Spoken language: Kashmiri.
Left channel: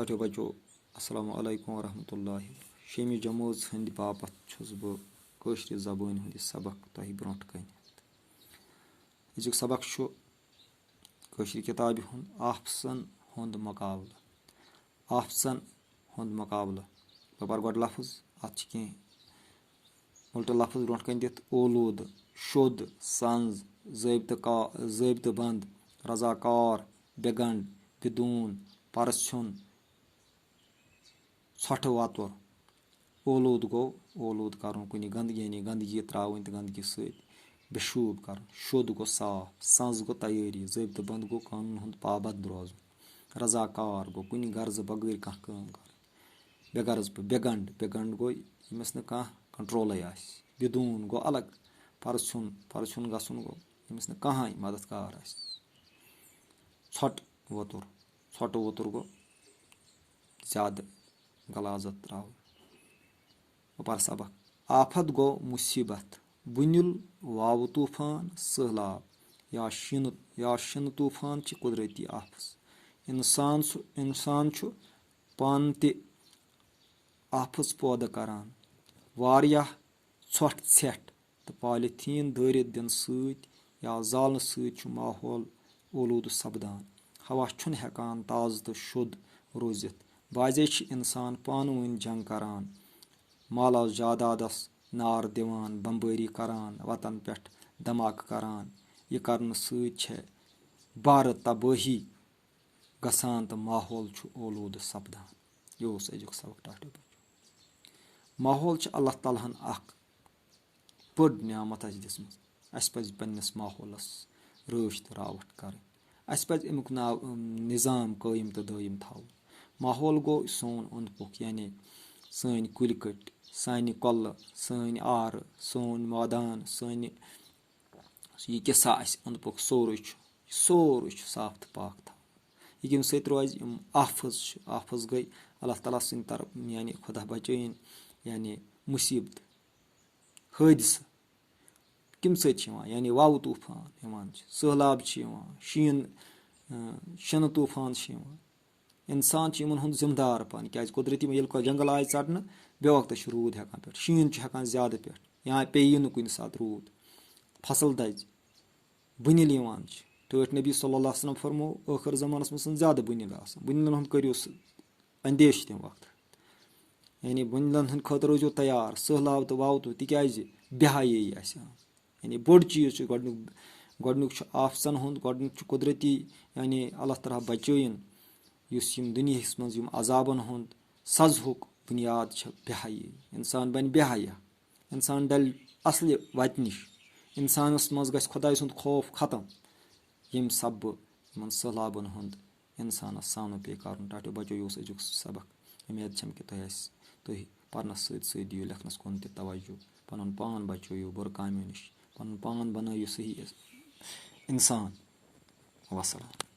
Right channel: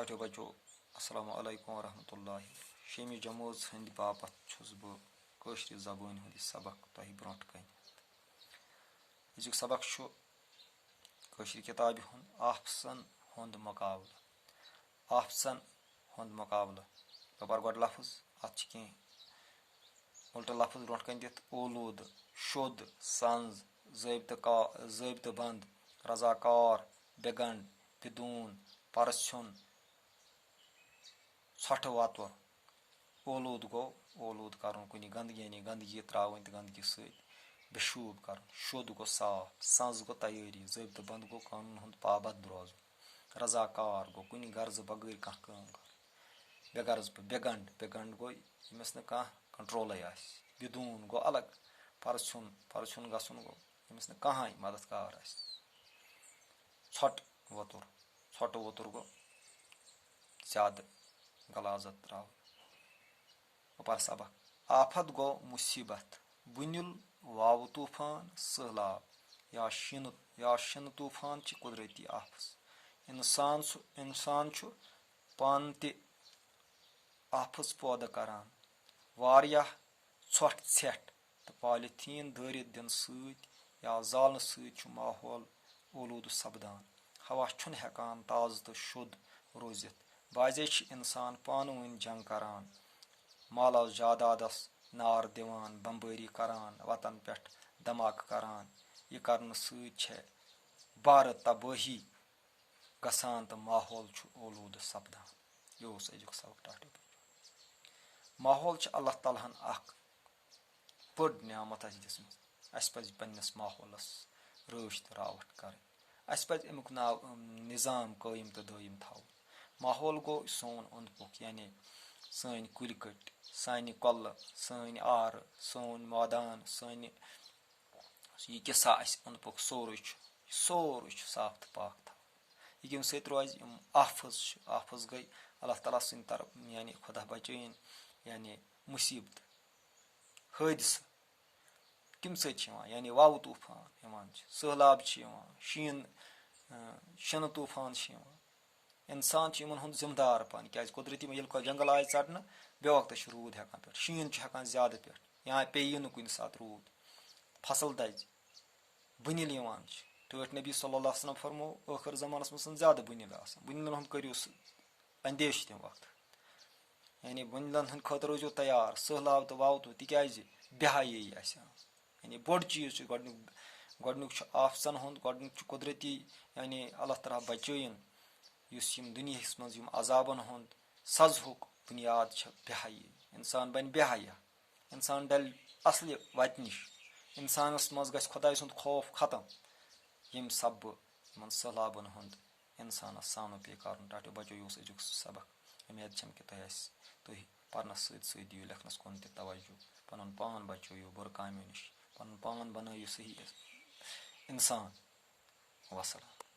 टाटो बचो अस्सलाम वालेकुम वरहमतुल्लाहि शेमी जमोज हंद बापत छुस बह कशर जबान हंद सबक तह ब्रोट कन अजुक सबक कशर किताब हुंद आफसन हुंद मुकाबला आफसन हुंद मुकाबला बह पर गो लफ्ज अत उल्ट लफ्ज ब्रोट कन दित ओलूद शुद संज ज़ाबित बंद रजाकार बेगंड बिदून परसुन षठ वातुर ओलूद गो ओलूद कर कुन गंदगी यानी गंदगी त्रावन तो गंदगी बेशूब कर शुद गो साफ संज गो तैयारी ज़ाबित बंद गो कानून हुंद पाबंद रोजन रजाकार गो कुन गर्ज बगैर कह काम कर बेगर्ज पे बेगंड बेगंड गो यमिस न कह कंट्रोल बिदून गो अलग परसुन परसुन गसन गो यमिस न कह मददगार षठ वतुर गो ज्यादा गलाजत त्राव पर सबक आफत गो मुसीबत बुनिल वाव तूफान सहलाब या शन तूफान च कुदरती आफस इंसान पान ते आफस पौदा करान वारियाह षठ षठ तो पॉलिथीन दारित दिन सत या जालन सत माहौल ओलूद सपदान हवा छुन हेकान ताज़ तो शुद्ध रोजित बाजे इंसान पान वन जंग करान माला जादादस नार दिवान बम्बारी करान वतन पे धमाक करान यह करने सत बार तबाही गसान तो माहौल ओलूद सपदान यह अजुक सबक टाटो माहौल अल्लाह ताला हन बड़ नियामत दिसम अस पज पन्नस माहौलस रच तो रावट कर अस पज अमुक निज़ाम कायम तो दायम थवन माहौल गो सोन अंद पुख यानी सन कुल कट सान कल सन आर सोन मैदान सन यह किसा अंद पुख सोरे साफ तो पाक थवन यम सत रोज आफज गई अल्लाह ताला सद तरफ यानी खुदा बचन यानी मुसीबत हादसा कम सत यानी वाव तूफान सहलाब शन तूफान इंसान इन जिम्मेदार पान क्या कुदरती ये जंगल आय षटने बे वक्त रूद हेकान पे शीन हेकान ज्यादा पे यहाँ पे कुन सात रूद फसल दज बुनिल टठ नबी सल्लल्लाहु अलैहि वसल्लम फरमो आखिर जमानस मज ज्यादा बुनिल बुनिलन हूँ करो अंदेश तम वक्त यानी बुनिलन हंद खतर रोजो तैयार सहलाब तो वाव तो तिज बेहाई यानी बोड़ चीज गोडनुक आफसन हूँ गोडनुक कुदरती यानी अल्लाह ताला बचन दुनिया मज अजाबन हूँ सजहुक बुनियाद बेहाई इंसान बन बेहाया इंसान डल असल वत नश इंसानस मज ग खुदा सुंद खौफ खत्म यम सब इन सहलाबन हूँ इंसानस सामनो पे कर टाटो बचो यह अजुक सबक उम्मीद कि तुम परनस सत दियो लेखनस कुन तवज्जो पन पान बचो बुर कामो नश पन पान बनो सही इंसान वसलाम।